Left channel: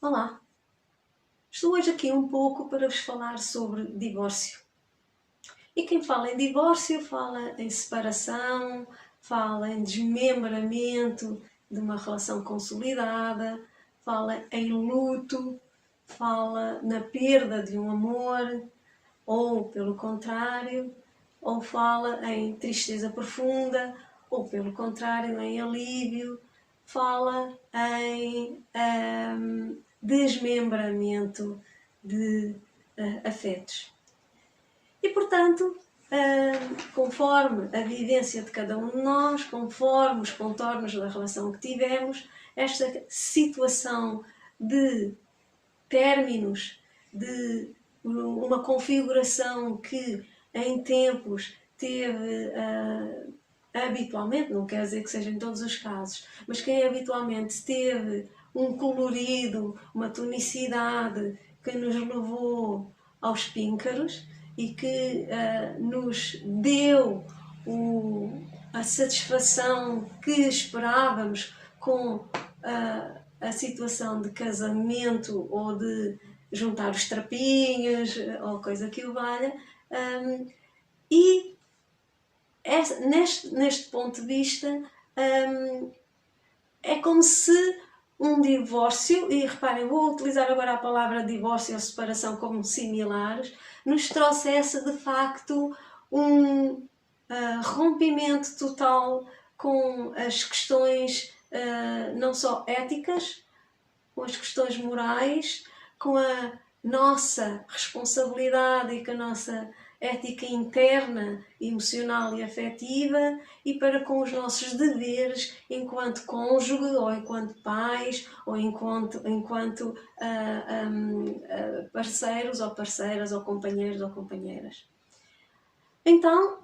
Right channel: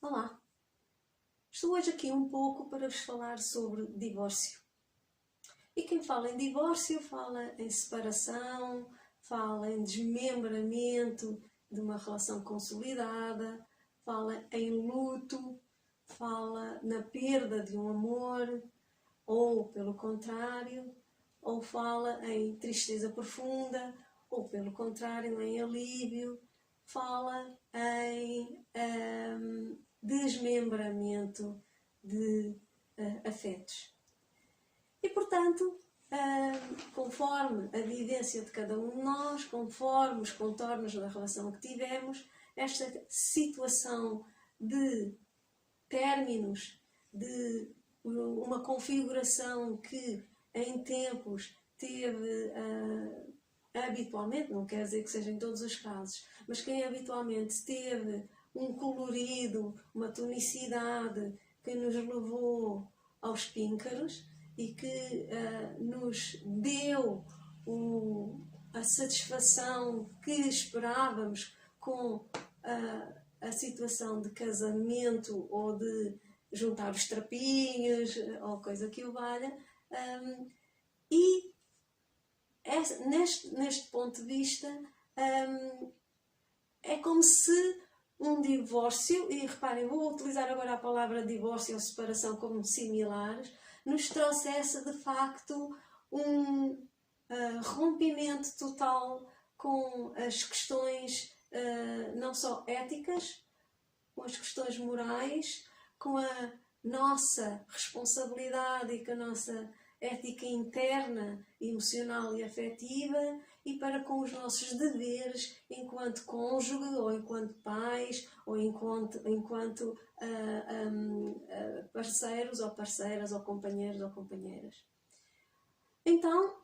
Olá, estou hoje aqui um pouco para vos falar sobre divórcio. E quem fala em divórcio fala em separação, fala em desmembramento de uma relação consolidada, fala em luto, fala na perda de um amor, ou pelo contrário, ou fala em tristeza profunda, ou pelo contrário, em alívio, fala em desmembramento de afetos. E, portanto, conforme a vivência de cada um de nós, conforme os contornos da relação que tivemos, esta situação de términos, de uma configuração que em tempos teve habitualmente, não quer dizer que seja em todos os casos, mas quem habitualmente teve um colorido, uma tonicidade que nos levou aos píncaros e que nos deu a satisfação que esperávamos com a situação de casamento ou de juntar os trapinhos ou coisa que o valha. E neste ponto de vista, é como se um divórcio, e reparem, vou utilizar agora a palavra divórcio ou separação como similares, nos trouxesse de facto um rompimento total com as questões não só éticas, com as questões morais, com a nossa responsabilidade e com a nossa ética interna, emocional e afetiva, e para com os nossos deveres enquanto cônjuge, ou enquanto pais, ou enquanto parceiros ou parceiras, ou companheiros ou companheiras. Então,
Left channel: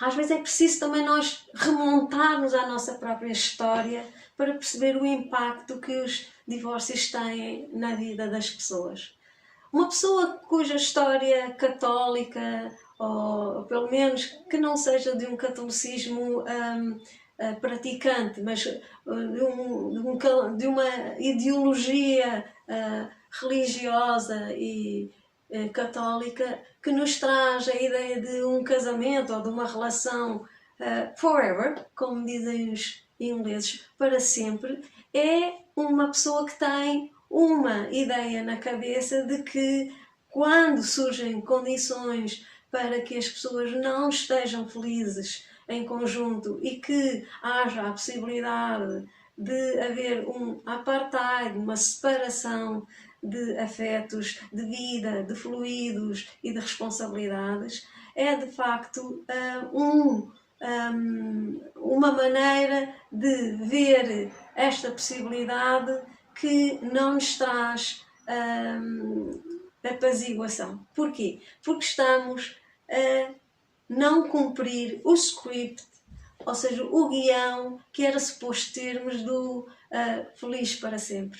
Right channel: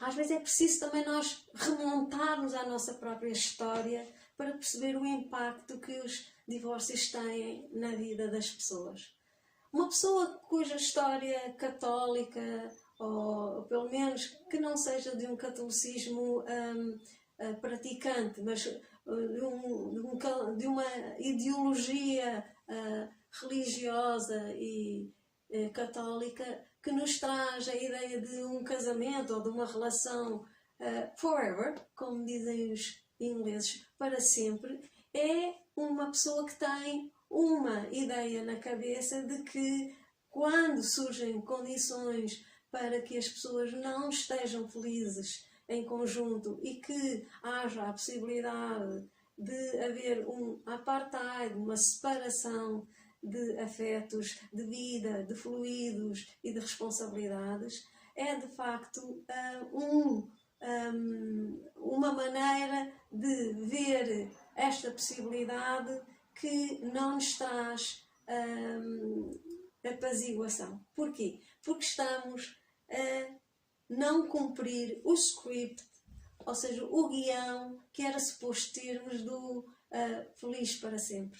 às vezes é preciso também nós remontarmos à nossa própria história para perceber o impacto que os divórcios têm na vida das pessoas. Uma pessoa cuja história católica, ou pelo menos que não seja de um catolicismo praticante, mas de uma ideologia religiosa e católica, que nos traz a ideia de um casamento ou de uma relação forever, como dizem os ingleses, para sempre, é uma pessoa que tem uma ideia na cabeça de que quando surgem condições para que as pessoas não estejam felizes em conjunto e que haja a possibilidade de haver um apartheid, uma separação de afetos, de vida, de fluidos e de responsabilidades, é de facto uma maneira de ver esta possibilidade que não nos traz apaziguação. Porquê? Porque estamos a não cumprir o script, ou seja, o guião que era suposto termos do feliz para sempre.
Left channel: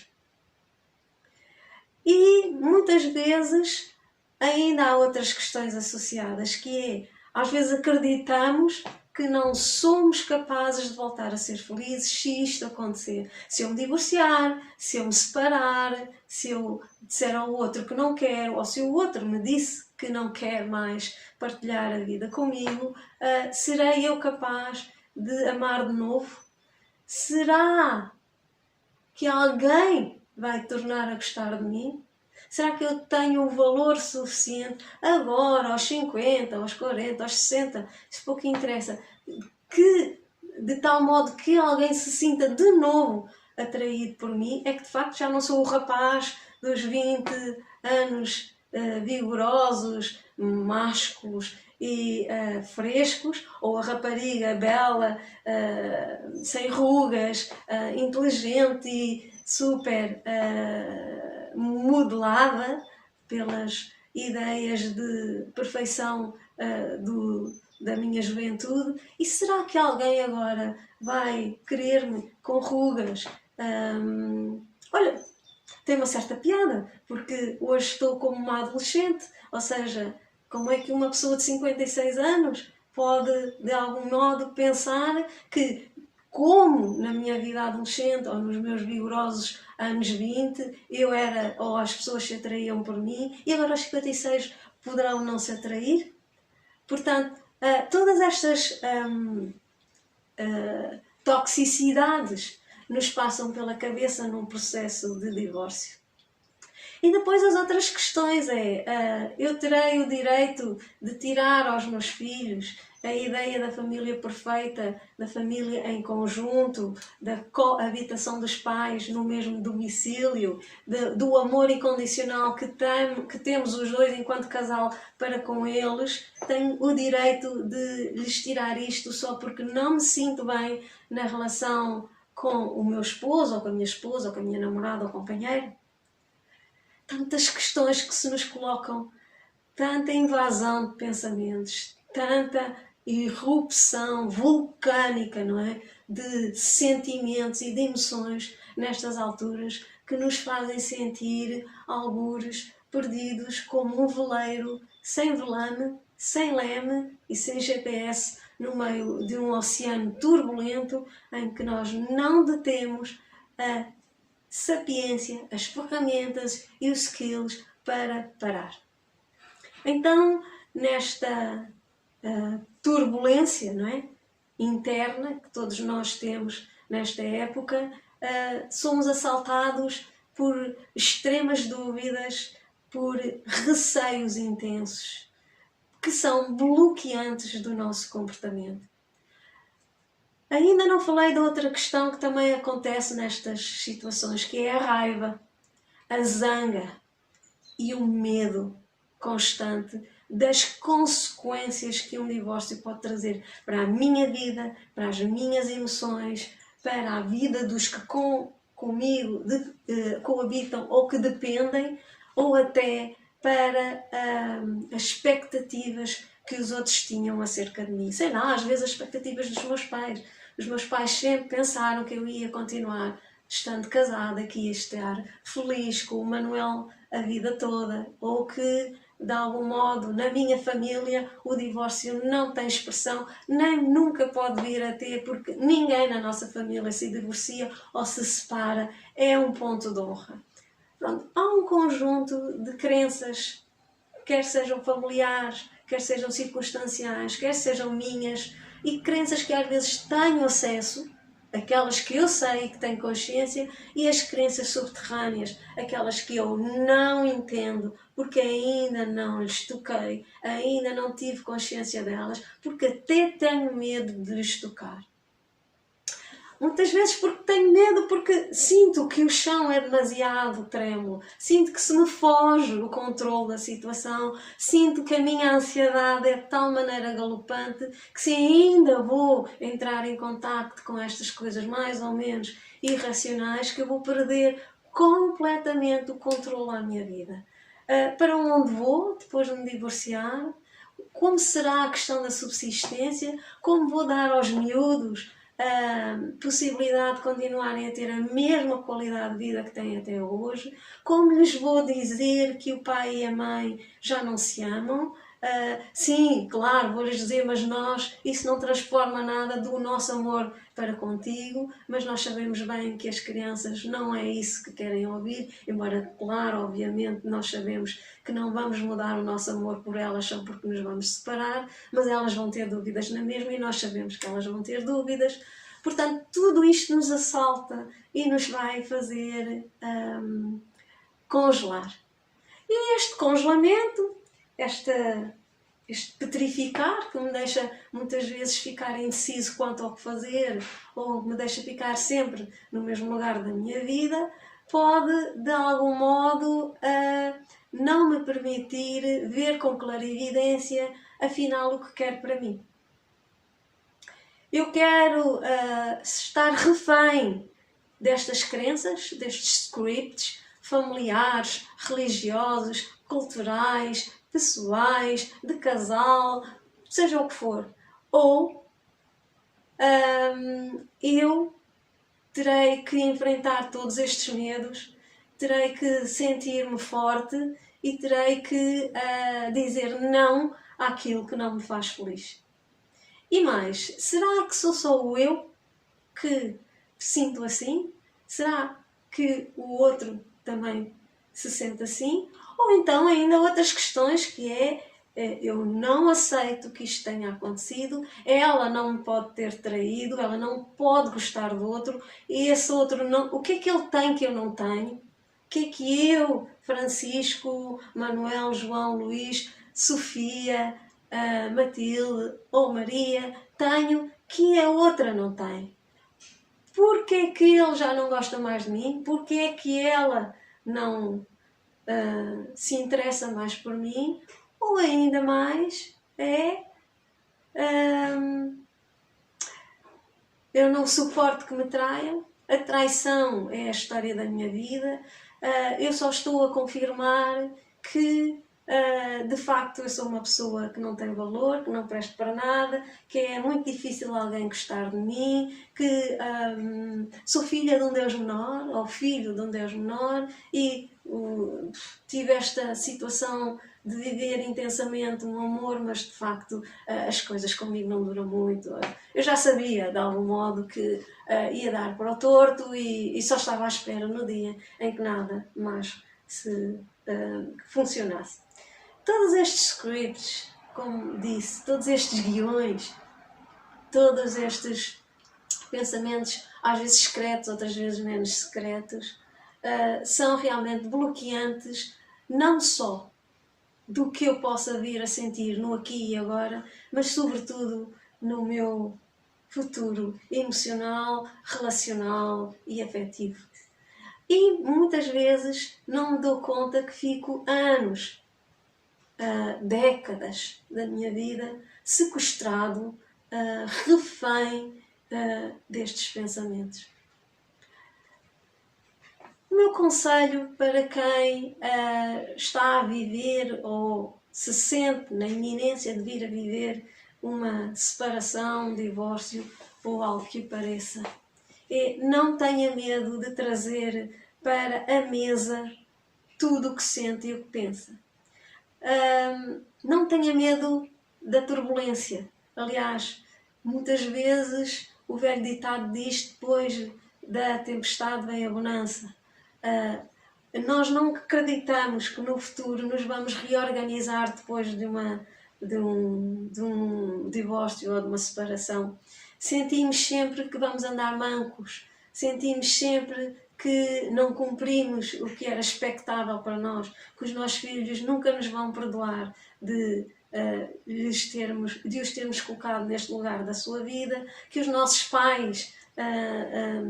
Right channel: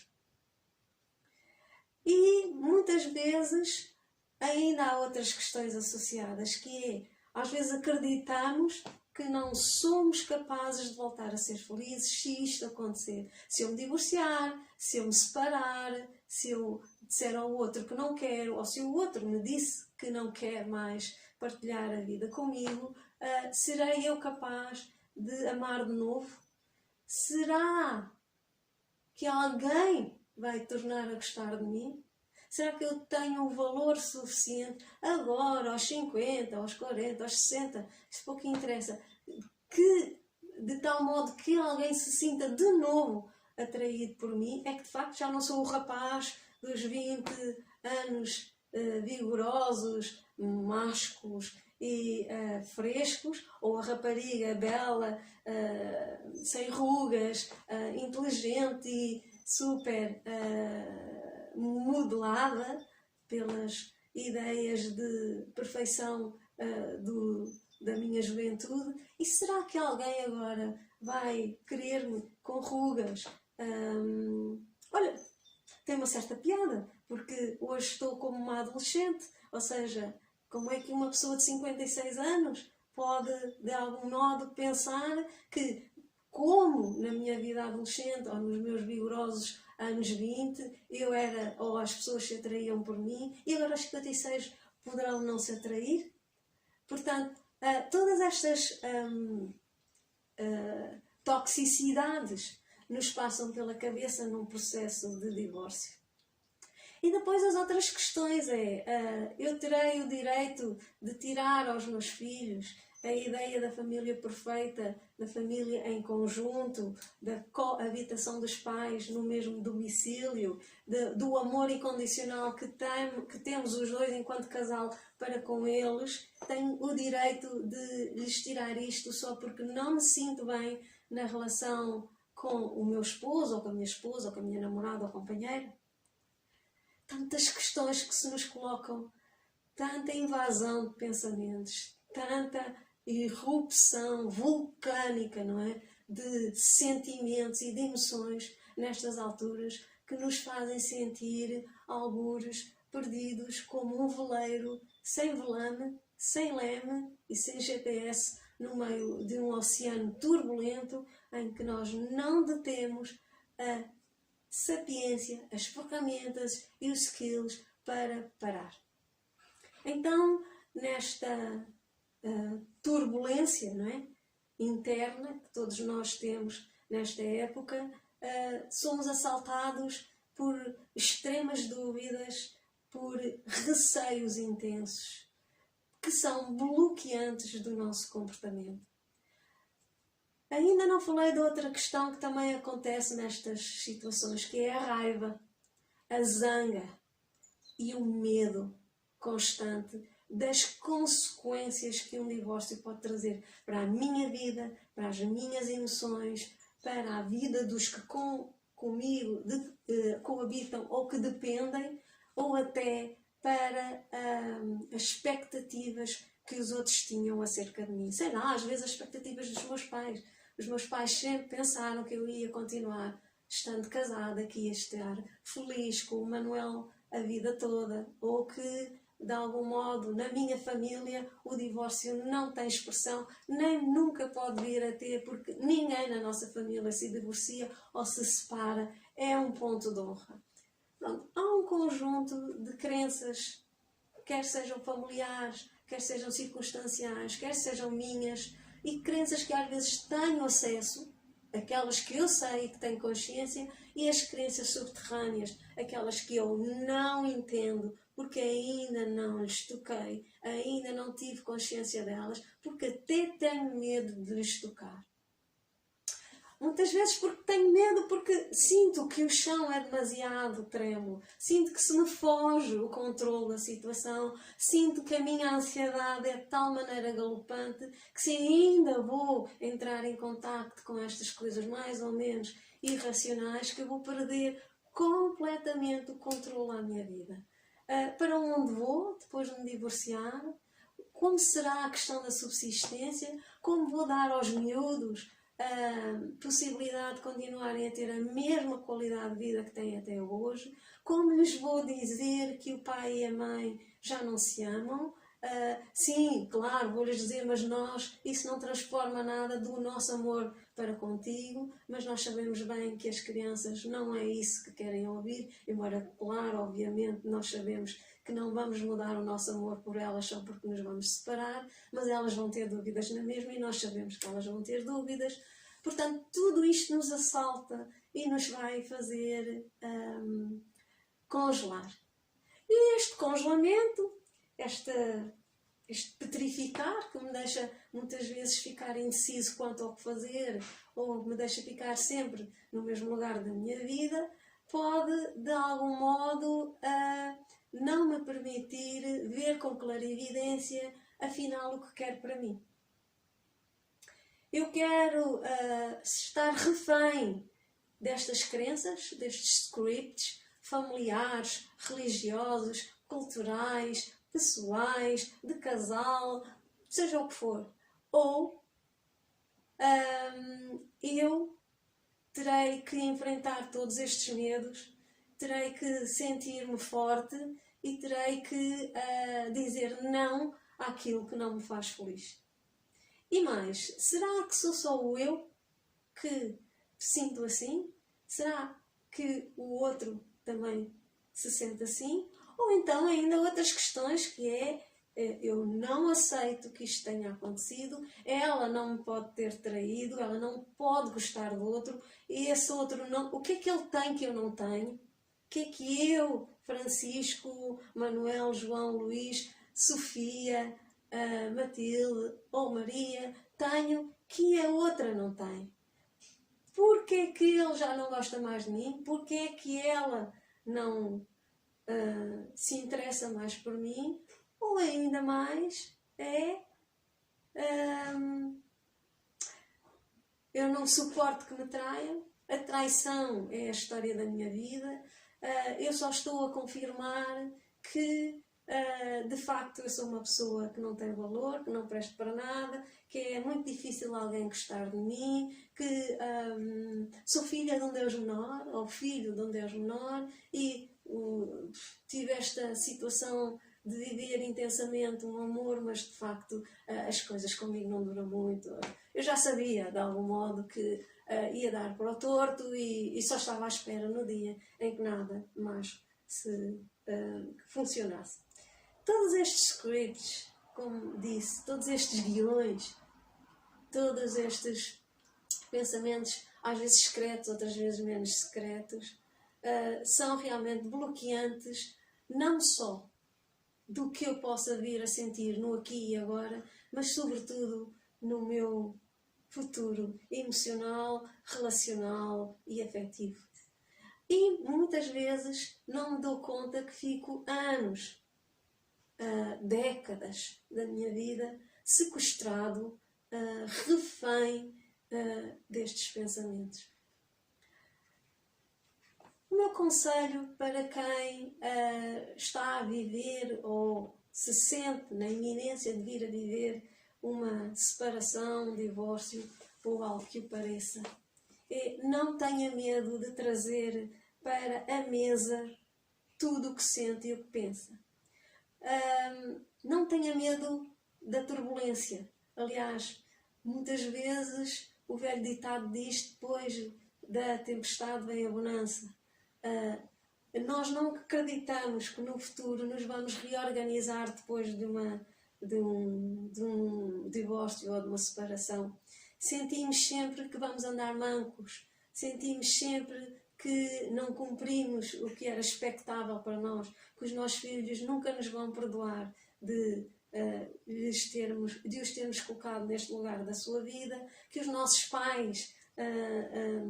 E muitas vezes ainda há outras questões associadas, que é, às vezes acreditamos que não somos capazes de voltar a ser felizes se isto acontecer. Se eu me divorciar, se eu me separar, se eu disser ao outro que não quero, ou se o outro me disse que não quer mais partilhar a vida comigo, serei eu capaz de amar de novo? Será que alguém vai tornar a gostar de mim? Será que eu tenho o valor suficiente agora, aos 50, aos 40, aos 60, isso pouco interessa, que de tal modo que alguém se sinta de novo atraído por mim? É que de facto já não sou o rapaz dos 20 anos vigorosos, másculos e frescos, ou a rapariga bela, sem rugas, inteligente e super modelada pelas ideias de perfeição da minha juventude. E será que alguém agora vai querer-me com rugas? Olha, tem uma certa piada, porque hoje estou como uma adolescente, ou seja, como é que uma pessoa de 56 anos pode, de algum modo, pensar que, como na minha vida adolescente ou nos meus vigorosos anos 20, eu era, ou as pessoas se atraíam por mim, e agora aos 56 poderão não se atrair? Portanto, todas estas toxicidades nos passam pela cabeça num processo de divórcio. E depois as outras questões eu terei o direito de tirar aos meus filhos a ideia da família perfeita, da família em conjunto, da coabitação dos pais no mesmo domicílio, do amor incondicional que temos os dois enquanto casal para com eles. Tenho o direito de lhes tirar isto só porque não me sinto bem na relação com o meu esposo, ou com a minha esposa, ou com a minha namorada ou companheira? Tantas questões que se nos colocam, tanta invasão de pensamentos, tanta irrupção vulcânica, não é? De sentimentos e de emoções nestas alturas que nos fazem sentir algures perdidos como um veleiro sem velame, sem leme e sem GPS no meio de um oceano turbulento em que nós não detemos a sapiência, as ferramentas e os skills para parar. Então, nesta turbulência, não é? Interna que todos nós temos nesta época, somos assaltados por extremas dúvidas, por receios intensos, que são bloqueantes do nosso comportamento. Ainda não falei de outra questão que também acontece nestas situações, que é a raiva, a zanga e o medo constante das consequências que um divórcio pode trazer para a minha vida, para as minhas emoções, para a vida dos que comigo coabitam ou que dependem, ou até para as expectativas que os outros tinham acerca de mim. Sei lá, às vezes as expectativas dos meus pais. Os meus pais sempre pensaram que eu ia continuar estando casada, que ia estar feliz com o Manuel a vida toda, ou que, de algum modo, na minha família, o divórcio não tem expressão, nem nunca pode vir a ter, porque ninguém na nossa família se divorcia ou se separa, é um ponto de honra. Pronto, há um conjunto de crenças, quer sejam familiares, quer sejam circunstanciais, quer sejam minhas, e crenças que às vezes tenho acesso, aquelas que eu sei que tenho consciência, e as crenças subterrâneas, aquelas que eu não entendo, porque ainda não lhes toquei, ainda não tive consciência delas, porque até tenho medo de lhes tocar. Muitas vezes porque tenho medo, porque sinto que o chão é demasiado trêmulo, sinto que se me foge o controle da situação, sinto que a minha ansiedade é de tal maneira galopante que se ainda vou entrar em contacto com estas coisas mais ou menos irracionais, que eu vou perder completamente o controle à minha vida. Para onde vou depois de me divorciar? Como será a questão da subsistência? Como vou dar aos miúdos a possibilidade de continuarem a ter a mesma qualidade de vida que têm até hoje? Como lhes vou dizer que o pai e a mãe já não se amam? Sim, claro, vou-lhes dizer, mas isso não transforma nada do nosso amor para contigo, mas nós sabemos bem que as crianças não é isso que querem ouvir, embora, claro, obviamente, nós sabemos que não vamos mudar o nosso amor por elas só porque nos vamos separar, mas elas vão ter dúvidas na mesma e nós sabemos que elas vão ter dúvidas. Portanto, tudo isto nos assalta e nos vai fazer congelar. E este congelamento, este petrificar, que me deixa muitas vezes ficar indeciso quanto ao que fazer, ou me deixa ficar sempre no mesmo lugar da minha vida, pode, de algum modo, não me permitir ver com clarividência, afinal, o que quero para mim. Eu quero estar refém destas crenças, destes scripts familiares, religiosos, culturais, pessoais, de casal, seja o que for. Ou eu terei que enfrentar todos estes medos, terei que sentir-me forte e terei que dizer não àquilo que não me faz feliz. E mais, será que sou só eu que sinto assim? Será que o outro também se sente assim, ou então ainda outras questões que é eu não aceito que isto tenha acontecido, ela não me pode ter traído, ela não pode gostar do outro, e esse outro não. O que é que ele tem que eu não tenho? O que é que eu, Francisco, Manuel, João, Luís, Sofia, Matilde ou Maria, tenho que a outra não tem? Porque é que ele já não gosta mais de mim? Porque é que ela não se interessa mais por mim? Ou ainda mais eu não suporto que me traiam, a traição é a história da minha vida, eu só estou a confirmar que de facto eu sou uma pessoa que não tem valor, que não presto para nada, que é muito difícil alguém gostar de mim, que sou filha de um Deus menor, ou filho de um Deus menor, e tive esta situação de viver intensamente um amor, mas de facto as coisas comigo não duram muito. Eu já sabia, de algum modo, que ia dar para o torto e só estava à espera no dia em que nada mais se funcionasse. Todos estes scripts, como disse, todos estes guiões, todos estes pensamentos, às vezes secretos, outras vezes menos secretos, são realmente bloqueantes, não só do que eu possa vir a sentir no aqui e agora, mas sobretudo no meu futuro emocional, relacional e afetivo. E muitas vezes não me dou conta que fico anos, décadas da minha vida sequestrado, refém destes pensamentos. O meu conselho para quem está a viver ou se sente na iminência de vir a viver uma separação, um divórcio ou algo que o pareça é: não tenha medo de trazer para a mesa tudo o que sente e o que pensa. Não tenha medo da turbulência. Aliás, muitas vezes o velho ditado diz: depois da tempestade vem a bonança. Nós não acreditamos que no futuro nos vamos reorganizar depois de um divórcio ou de uma separação. Sentimos sempre que vamos andar mancos, sentimos sempre que não cumprimos o que era expectável para nós, que os nossos filhos nunca nos vão perdoar de os termos colocado neste lugar da sua vida, que os nossos pais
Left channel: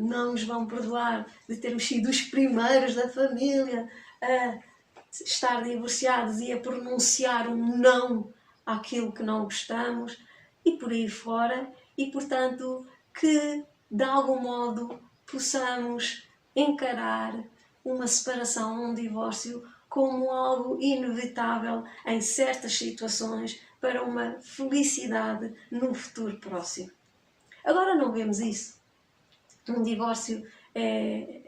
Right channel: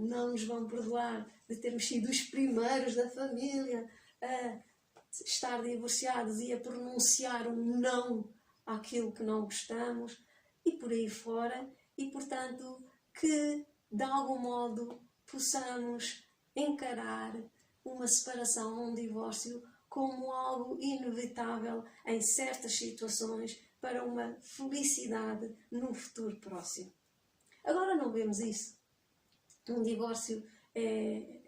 não nos vão perdoar de termos sido os primeiros da família a estar divorciados e a pronunciar um não àquilo que não gostamos e por aí fora, e portanto que de algum modo possamos encarar uma separação, um divórcio como algo inevitável em certas situações para uma felicidade num futuro próximo. Agora não vemos isso. Um divórcio é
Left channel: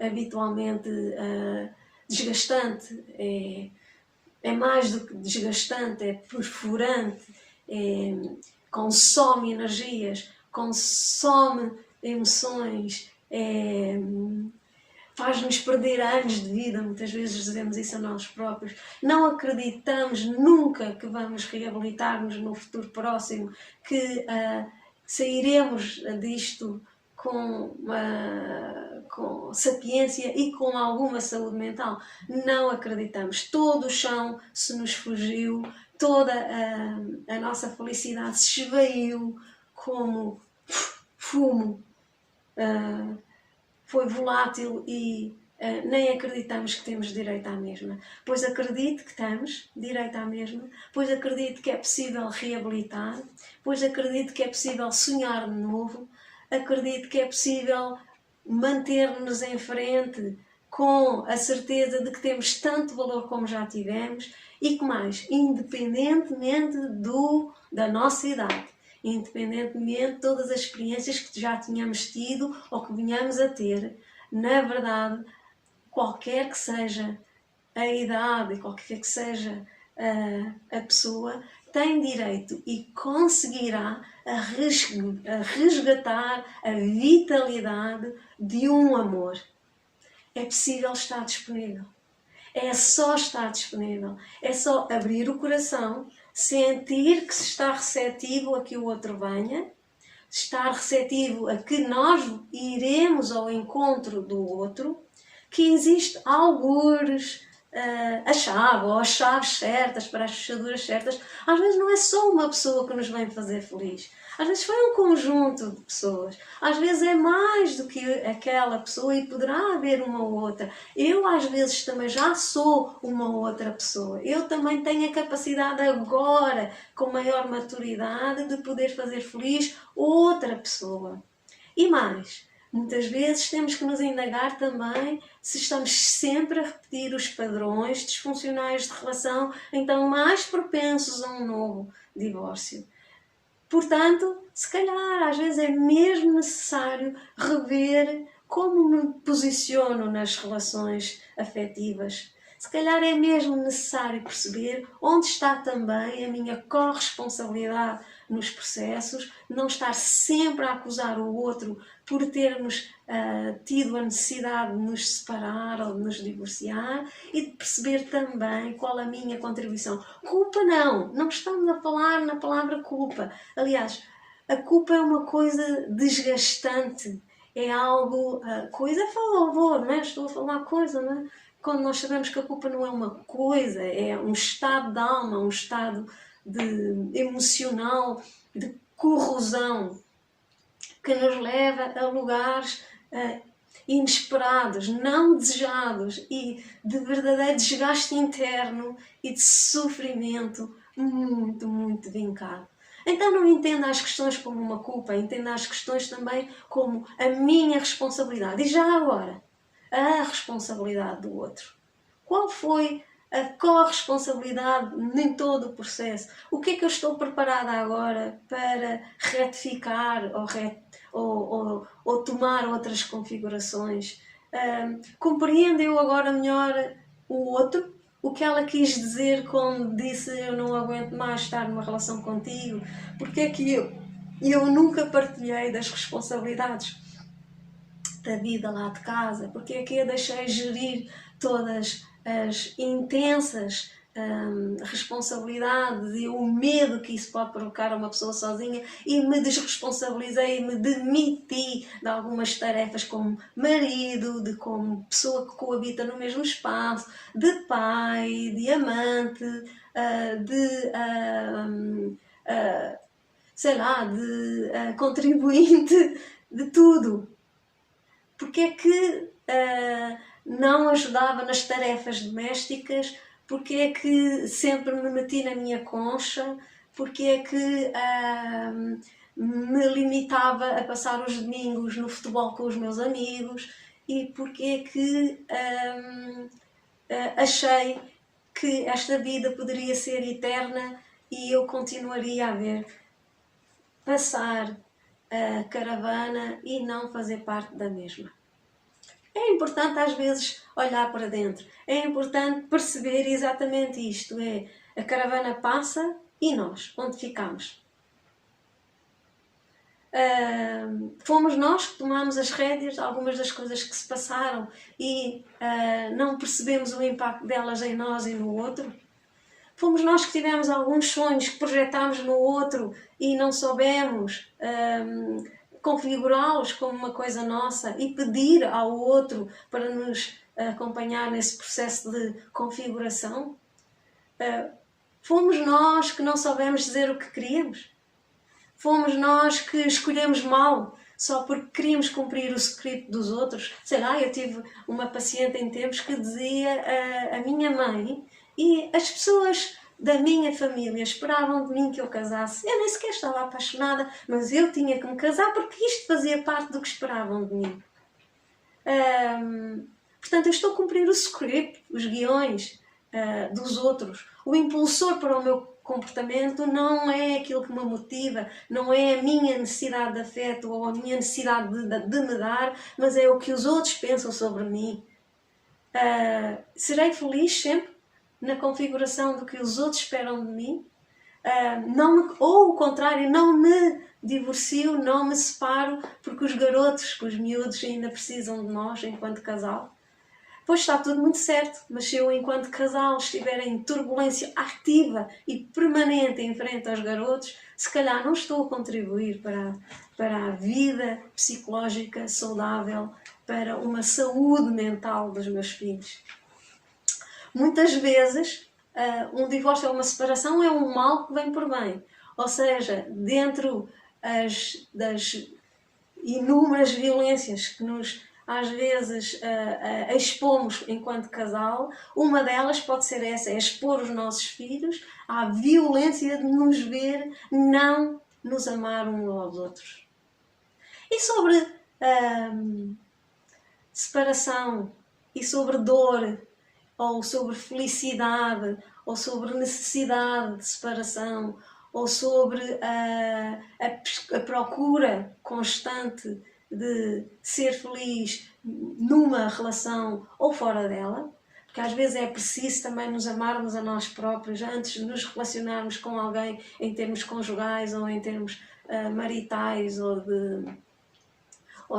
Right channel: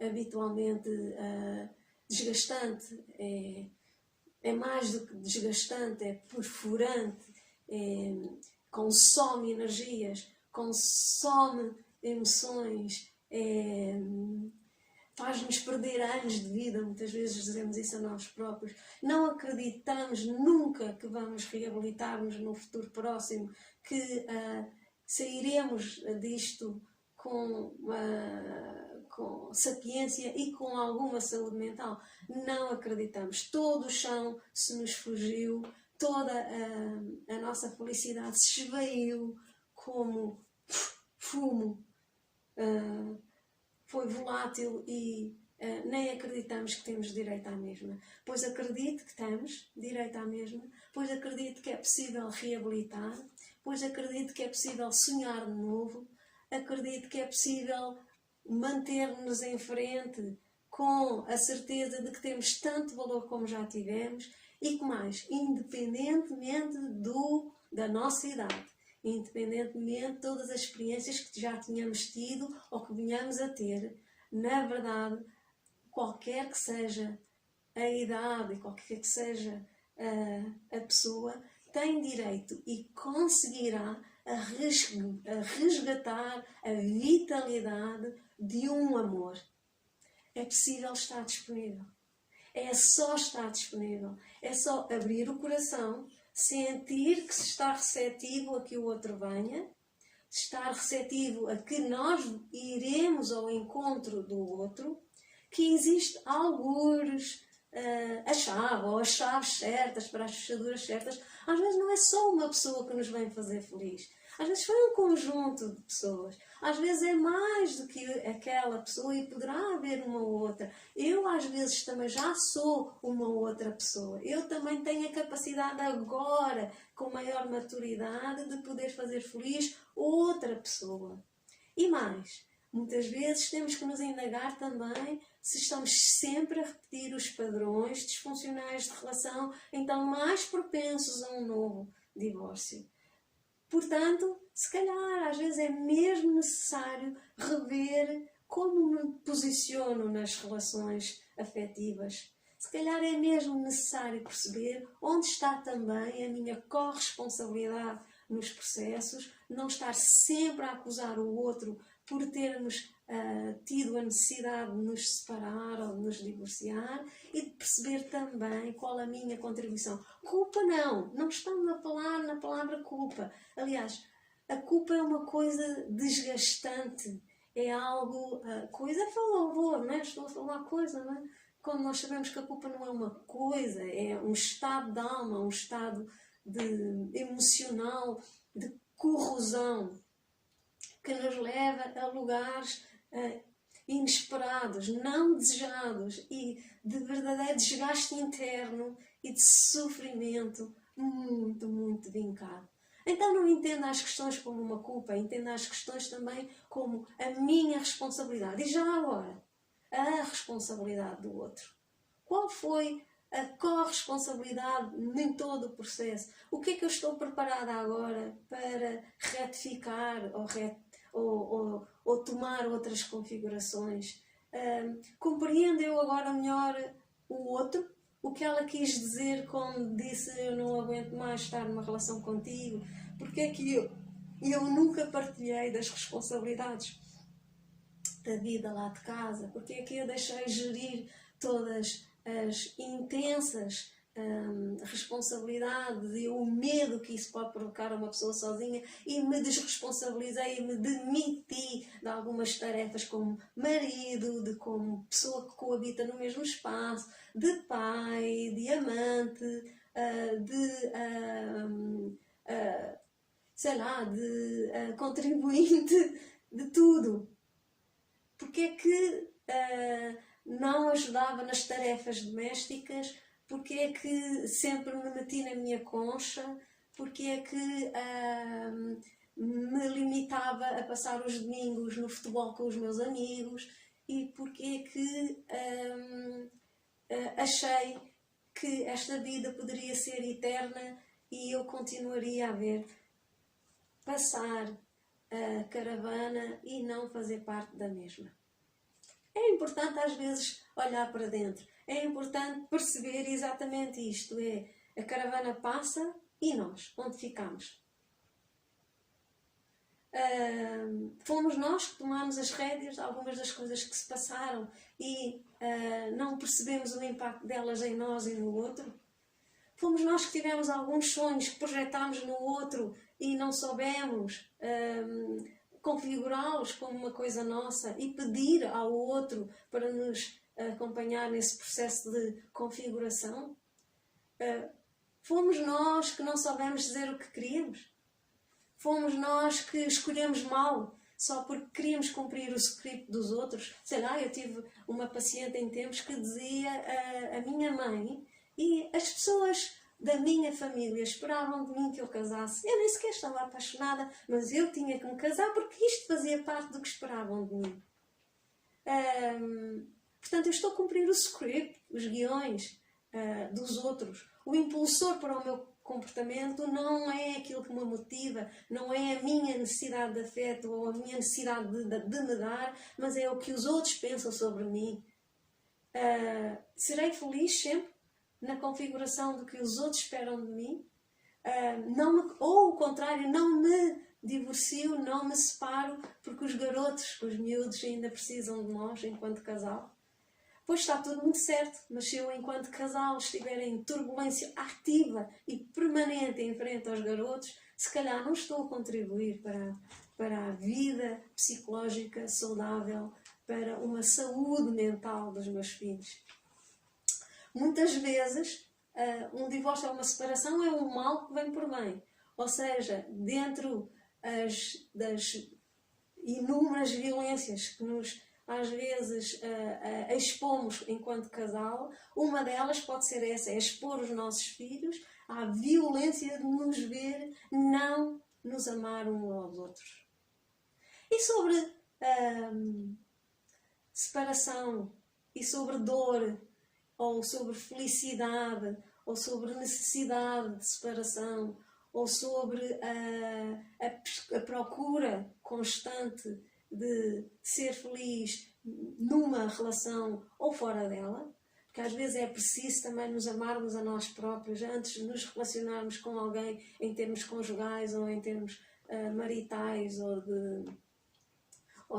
habitualmente desgastante, é mais do que desgastante, é perfurante, consome energias, consome emoções, faz-nos perder anos de vida. Muitas vezes dizemos isso a nós próprios. Não acreditamos nunca que vamos reabilitar-nos no futuro próximo, que sairemos disto com sapiência e com alguma saúde mental. Não acreditamos. Todo o chão se nos fugiu, toda a nossa felicidade se esvaiu como fumo. Foi volátil e nem acreditamos que temos direito à mesma. Pois acredito que temos direito à mesma, pois acredito que é possível reabilitar, pois acredito que é possível sonhar de novo, acredito que é possível manter-nos em frente com a certeza de que temos tanto valor como já tivemos e que mais, independentemente da nossa idade, independentemente de todas as experiências que já tínhamos tido ou que venhamos a ter, na verdade, qualquer que seja a idade e qualquer que seja a pessoa, tem direito e conseguirá a resgatar a vitalidade de um amor. É possível estar disponível. É só estar disponível. É só abrir o coração, sentir que se está receptivo a que o outro venha, estar receptivo a que nós iremos ao encontro do outro, que existe algures, a chave ou as chaves certas para as fechaduras certas. Às vezes não é só uma pessoa que nos vem fazer feliz. Às vezes foi um conjunto de pessoas. Às vezes é mais do que aquela pessoa e poderá haver uma outra. Eu às vezes também já sou uma outra pessoa. Eu também tenho a capacidade agora, com maior maturidade, de poder fazer feliz outra pessoa. E mais, muitas vezes temos que nos indagar também se estamos sempre a repetir os padrões disfuncionais de relação, então mais propensos a um novo divórcio. Portanto, se calhar às vezes é mesmo necessário rever como me posiciono nas relações afetivas. Se calhar é mesmo necessário perceber onde está também a minha corresponsabilidade nos processos, não estar sempre a acusar o outro por termos tido a necessidade de nos separar ou de nos divorciar e de perceber também qual a minha contribuição. Culpa não estamos a falar na palavra culpa. Aliás, a culpa é uma coisa desgastante, é algo, coisa é favor, não é? Estou a falar coisa, não é? Quando nós sabemos que a culpa não é uma coisa, é um estado de alma, um estado emocional, de corrosão, que nos leva a lugares inesperados, não desejados e de verdadeiro desgaste interno e de sofrimento muito, muito vincado. Então não entenda as questões como uma culpa, entenda as questões também como a minha responsabilidade. E já agora, a responsabilidade do outro. Qual foi a corresponsabilidade em todo o processo? O que é que eu estou preparada agora para retificar ou tomar outras configurações? Compreendo eu agora melhor o outro? O que ela quis dizer quando disse eu não aguento mais estar numa relação contigo? Porque é que eu nunca partilhei das responsabilidades da vida lá de casa? Porque é que eu deixei gerir todas as intensas responsabilidades e o medo que isso pode provocar a uma pessoa sozinha e me desresponsabilizei e me demiti de algumas tarefas como marido, como pessoa que coabita no mesmo espaço, de pai, de amante, sei lá, de contribuinte, de tudo. Porque é que não ajudava nas tarefas domésticas? Porque é que sempre me meti na minha concha? Porque é que me limitava a passar os domingos no futebol com os meus amigos? E porque é que achei que esta vida poderia ser eterna e eu continuaria a ver passar a caravana e não fazer parte da mesma. É importante às vezes olhar para dentro, é importante perceber exatamente isto, a caravana passa e nós, onde ficamos? Fomos nós que tomamos as rédeas de algumas das coisas que se passaram e não percebemos o impacto delas em nós e no outro? Fomos nós que tivemos alguns sonhos que projetámos no outro e não soubemos configurá-los como uma coisa nossa e pedir ao outro para nos acompanhar nesse processo de configuração? Fomos nós que não soubemos dizer o que queríamos? Fomos nós que escolhemos mal só porque queríamos cumprir o script dos outros? Sei lá, eu tive uma paciente em tempos que dizia a minha mãe e as pessoas da minha família esperavam de mim que eu casasse. Eu nem sequer estava apaixonada, mas eu tinha que me casar porque isto fazia parte do que esperavam de mim. Portanto, eu estou a cumprir o script, os guiões dos outros. O impulsor para o meu comportamento não é aquilo que me motiva, não é a minha necessidade de afeto ou a minha necessidade de me dar, mas é o que os outros pensam sobre mim. Serei feliz sempre na configuração do que os outros esperam de mim? ou o contrário, não me divorcio, não me separo, porque os garotos, os miúdos ainda precisam de nós enquanto casal. Pois está tudo muito certo, mas se eu, enquanto casal, estiver em turbulência ativa e permanente em frente aos garotos, se calhar não estou a contribuir para a vida psicológica saudável, para uma saúde mental dos meus filhos. Muitas vezes, um divórcio ou uma separação é um mal que vem por bem. Ou seja, dentro das inúmeras violências que nos às vezes expomos enquanto casal, uma delas pode ser essa, é expor os nossos filhos à violência de nos ver não nos amar uns aos outros. E sobre separação, e sobre dor, ou sobre felicidade, ou sobre necessidade de separação, ou sobre a procura constante de ser feliz numa relação ou fora dela, porque às vezes é preciso também nos amarmos a nós próprios antes de nos relacionarmos com alguém em termos conjugais ou em termos maritais ou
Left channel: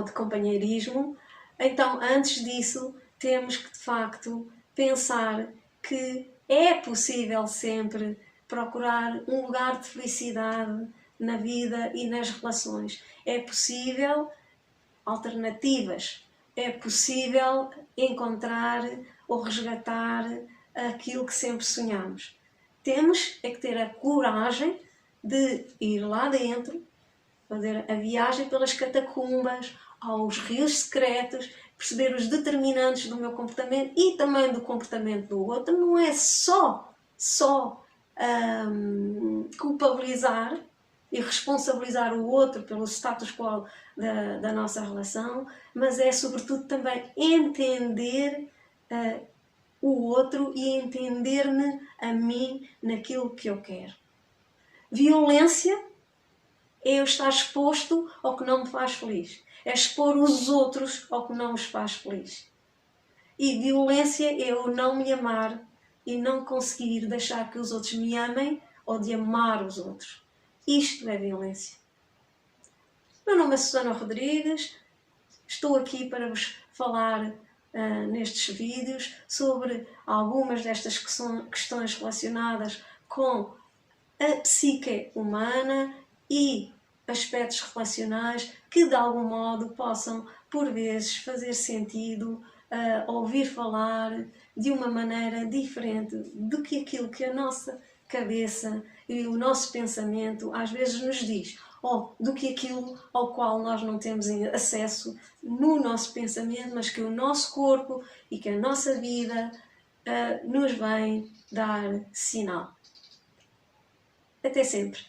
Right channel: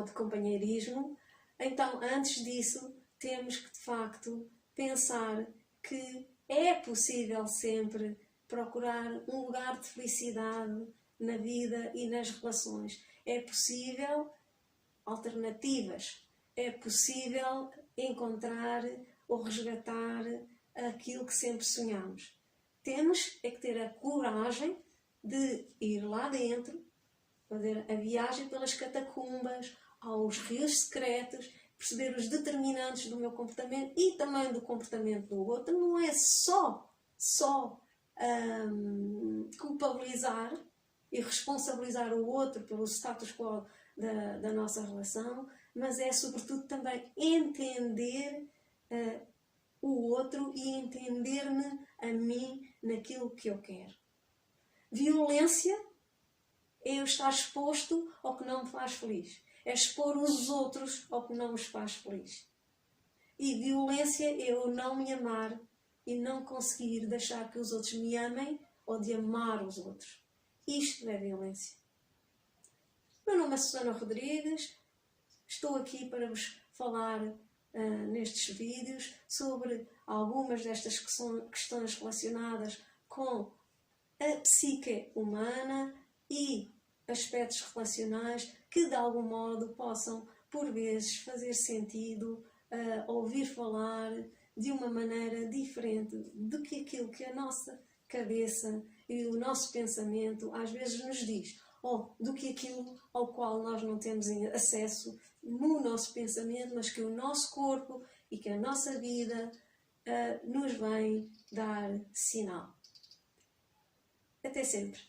de companheirismo. Então, antes disso, temos que de facto pensar que é possível sempre procurar um lugar de felicidade na vida e nas relações. É possível alternativas. É possível encontrar ou resgatar aquilo que sempre sonhamos. Temos é que ter a coragem de ir lá dentro, fazer a viagem pelas catacumbas, aos rios secretos, perceber os determinantes do meu comportamento e também do comportamento do outro. Não é só culpabilizar e responsabilizar o outro pelo status quo da nossa relação, mas é sobretudo também entender o outro e entender-me a mim naquilo que eu quero. Violência é eu estar exposto ao que não me faz feliz. É expor os outros ao que não os faz feliz. E violência é eu não me amar e não conseguir deixar que os outros me amem ou de amar os outros. Isto é violência. Meu nome é Susana Rodrigues. Estou aqui para vos falar nestes vídeos sobre algumas destas questões relacionadas com a psique humana e aspectos relacionais que de algum modo possam por vezes fazer sentido ouvir falar de uma maneira diferente do que aquilo que a nossa cabeça e o nosso pensamento às vezes nos diz, ou do que aquilo ao qual nós não temos acesso no nosso pensamento, mas que o nosso corpo e que a nossa vida nos vem dar sinal. Até sempre!